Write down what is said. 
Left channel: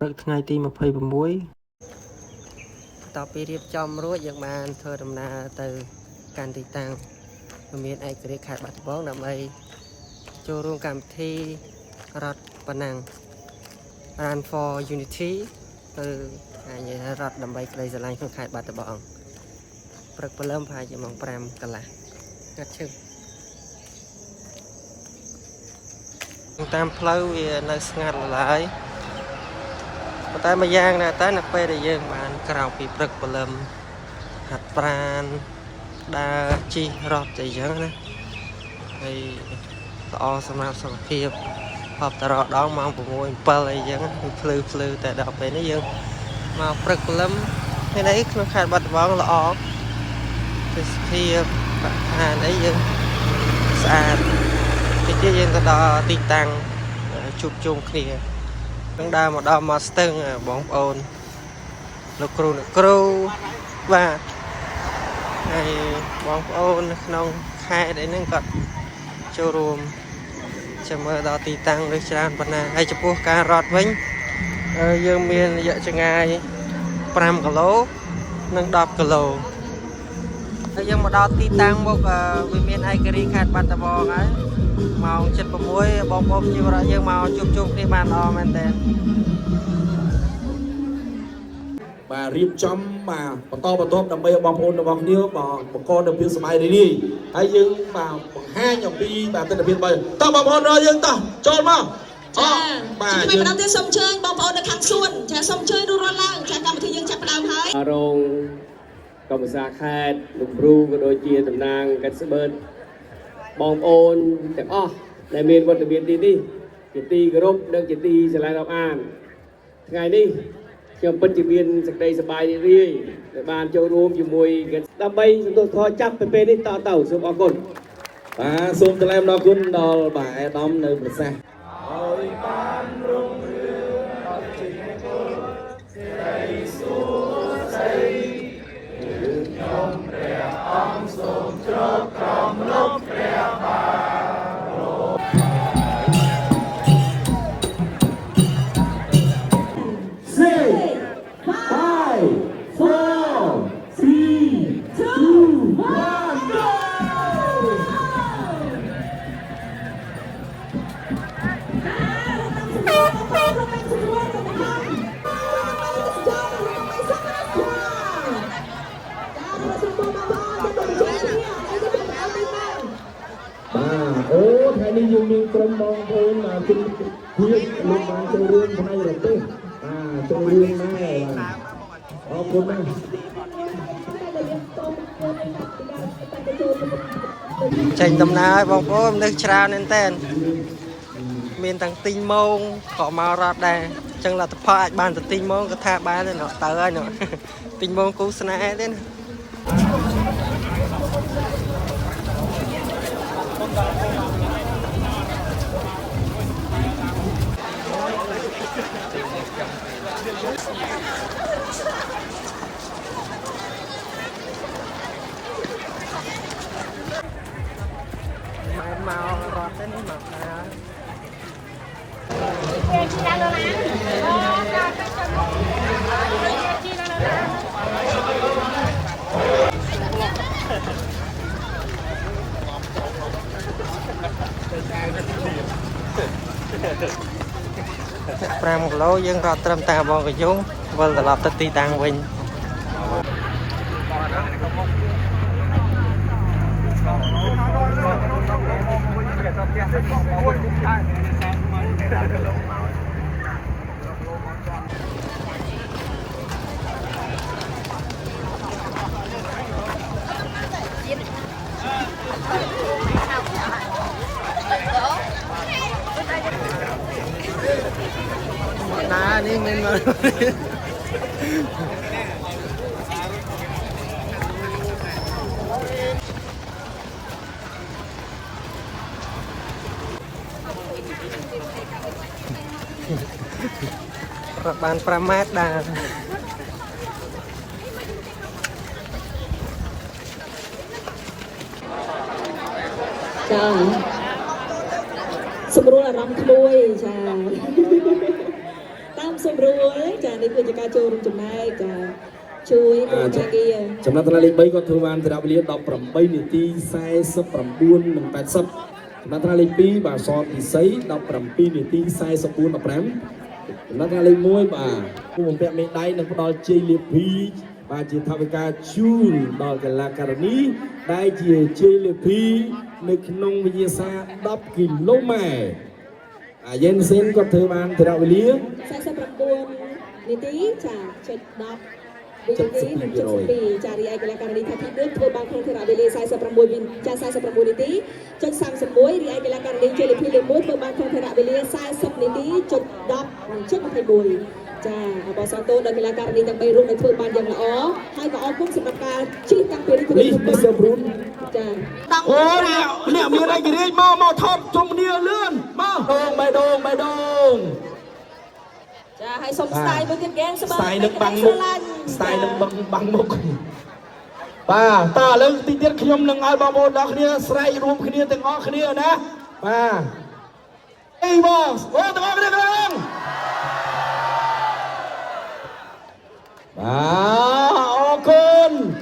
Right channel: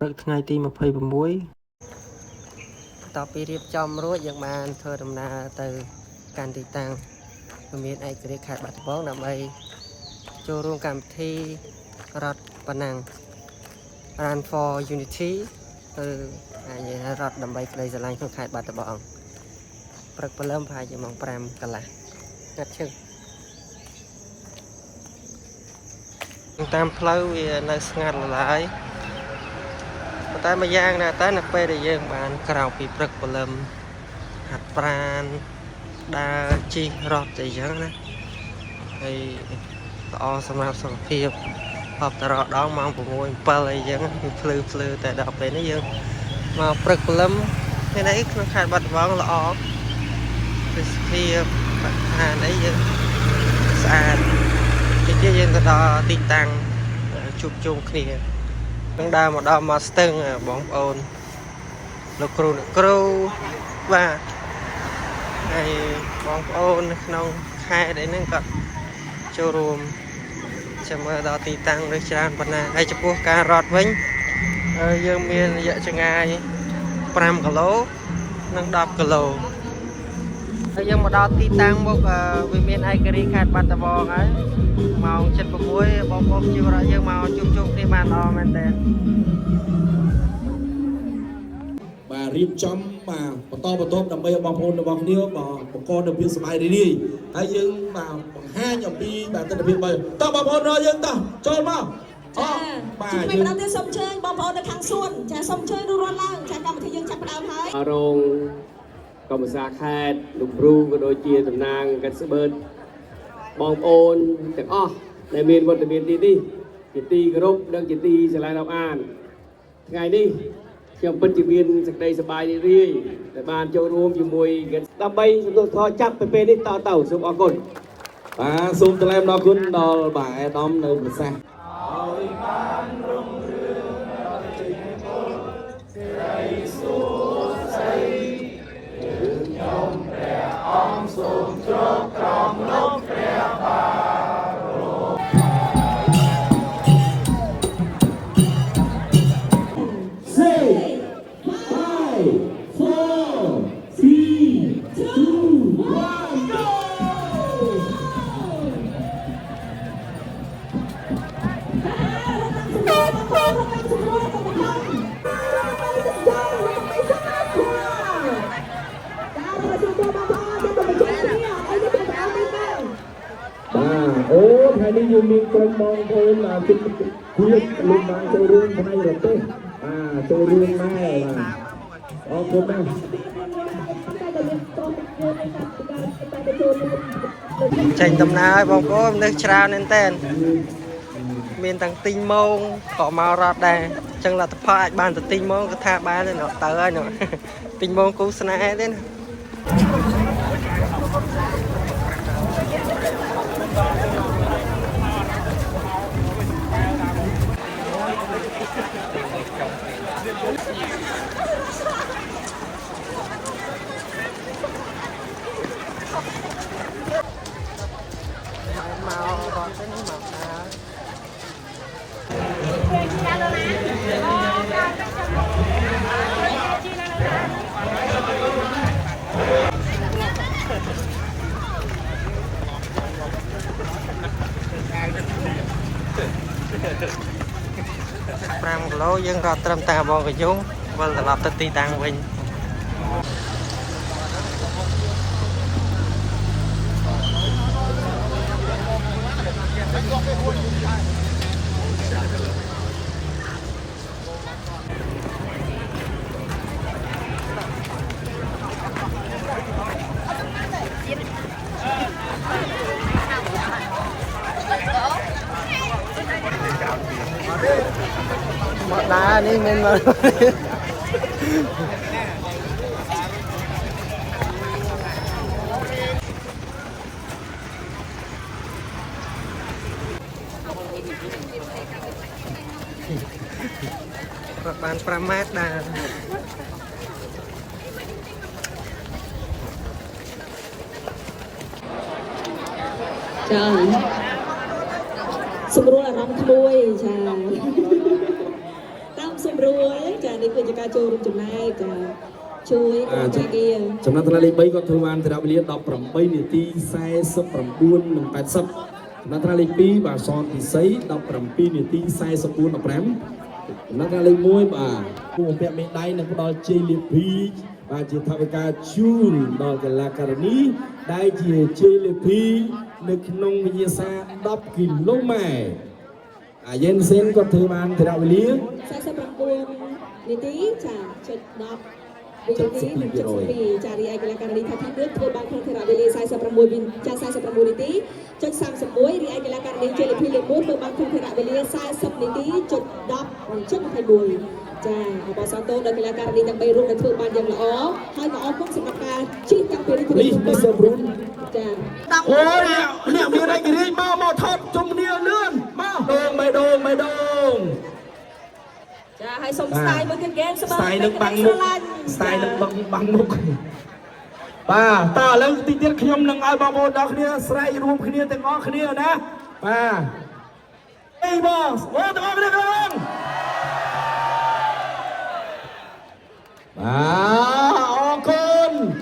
ព្រឹកថ្ងៃទី26តពីរៀបចំរួចយើងបានធ្វើដំណើរទៅកាន់ទីតាំងមានឯករាជ្យខេត្តបាត់ដំបងដើម្បីចូលរួមកម្មវិធីរដ្ឋប៉ណ្ណាំង Run for Unity ទៅរដ្ឋដើម្បីក្តីស្រឡាញ់ក្នុងខេត្តបាត់ដំបងព្រឹកព្រលឹមប្រហែលជាម៉ោង5កន្លះកាត់ឈឹងតាមផ្លូវវានៅស្ងាត់ឡើយតែមួយយ៉ាងដែរតែនៅពេលដែលយើងបានក្រោកពីព្រឹកព្រលឹមហាត់ប្រាណដើរជិះរត់ទៅអញ្ចឹងណាហើយល្អសម្រាប់សុខភាពហប់តារដងម៉ោង6 7អីចឹងវាភ្លឺតែដល់ពេលនេះយើងមកព្រឹកព្រលឹមថ្ងៃនេះក្នុងខេត្តបាត់ដំបងល្អទេសភាពបរិស្ថានអីយើងស្អាតទីយើងទៅដល់ទីតាំងជួបជុំគ្នានឹងដើរមកដល់មកស្ទឹងបងប្អូនលោកគ្រូបាទហើយបងប្អូនក្នុងខេត្តអីហ្នឹងក៏ចូលរួមចាំមើលដល់ទីតាំងឬច្រើនប៉ុណ្ណាហើយចំពោះការរត់វិញយើងមានរយៈចម្ងាយ5គីឡូនិង10គីឡូហើយយើងមកដល់ទីតាំងមុខវាមានឯករាជ្យខេត្តបាត់ដំបងហើយម៉ោង 7:06 បងប្អូនជីវរដ្ឋយើងមកជួបជុំគ្នាបានល្អមែនតើបាទរៀបចំបាទបន្តបន្ទាប់ដើម្បីឲ្យបងប្អូនរបស់គ្នាបង្កនូវភាពសប្បាយរីករាយហើយយើងបាទបង្ហាញអំពីបាទទស្សនវិជ្ជាតោះបងប្អូនរកយើងតោះចូលមកចាបាទយើងបន្តទៀតសូមអញ្ជើញបងប្អូននៅខាងសួនចាសូមអញ្ជើញរួចរាល់ឡើងចាកម្មវិធីយើងចាប់ផ្ដើមហើយរងកម្មសាខេត្តលោកគ្រូក៏ដូចជាតំណាងកាត់ស្បឺតបងប្អូនទាំងអស់ដែលមានវត្តមានទីនេះជាទីគោរពនិងជាទីស្រឡាញ់រាប់អានថ្ងៃនេះខ្ញុំពិតជាមានសេចក្តីសប្បាយរីករាយដែលបានចូលរួមជាមួយដើម្បីសន្ទុះធម៌ចាប់ពីពេលនេះតទៅសូមអរគុណបាទសូមថ្លែងអំណរគុណដល់បាទអាដាមនៅប្រសាសន៍ឲ្យបានរុងរឿងដល់ជ័យមង្គលសេរីសុខស្ដីយើងខ្ញុំព្រះអង្គសូមជ្រកក្រំលោកព្រះបាទអូថ្ងៃនេះយើងមានក្រុមបងប្អូនជិតទៀតលោកបានចូលរួមថ្ងៃនេះទេចូលរួមដែរអរគុណណាស់ចេញដំណើរបងប្អូននៅច្រើនមែនតើមានទាំងទិញម៉ោងក៏មករត់ដែរអញ្ចឹងលទ្ធផលអាចបានទៅទិញម៉ោងក៏ថាបានទៅហើយទិញម៉ោងគូស្នេហ៍ទេណាមករត់ទេនេះមកដើរ5គីឡូយើងរត់ត្រឹមតែបងកយុងវិលត្រឡប់ទៅទីតាំងវិញមកដើរនេះមិនមកបាន 5 ម៉ែត្រដែរ ចាសម្រួលអារម្មណ៍ក្មួយចាតាម សម្រួលចានេះគឺជាការចូលរួមចំណែកចាជួយក្រុមការងារ ចំណុចថ្នាក់លេខ3គាត់ធ្វើបានត្រឹមវេលា18នាទី49និង80ចំណុចថ្នាក់លេខ2បាទសតពិសី17នាទី44 15ចំណុចថ្នាក់លេខ1បាទผู้បំពាក់មេដាយនឹងផ្ដល់ជ័យលាភីបាទជាថវិកាជូនដល់កីឡាការិនីដែលជាជ័យលាភីនៅក្នុងវិញ្ញាសា10គីឡូម៉ែត្រយេនសេនគាត់ធ្វើបានត្រឹមវេលា 49នាទីចាចុច10 វិនាទីនិង72ចារីឯកីឡាការិនីថាទី1ធ្វើបានក្នុងថេរវេលា46ចា49នាទីចុច31រីឯកីឡាការិនីជ័យលាភីលេខ1ធ្វើបានក្នុងថេរវេលា40នាទីចុច10និងចុច21ចាអបអរសាទរដល់កីឡាការិនីទាំង3រូបដែលធ្វើបានយ៉ាងល្អហើយក៏អរគុណសម្រាប់ការជិះតាំងពីនេះទៅ Mr. Brun ចា អូអ្នកមានឯករាជ្យមកថតជុំគ្នាលឿនមកដងបេដង ចាហើយសុំស្ទាយមួយទៀតហ្គេមស្មើ ស្ទាយនឹងបាំងមុខស្ទាយនឹងបាំងមុខបាទតើឥឡូវទីទៀតខ្ញុំនឹងឲ្យបងប្អូនដល់គ្នាស្រែករួមគ្នាទាំងអស់គ្នាណាបាទអីបងអូទាំងអស់គ្នាក្រង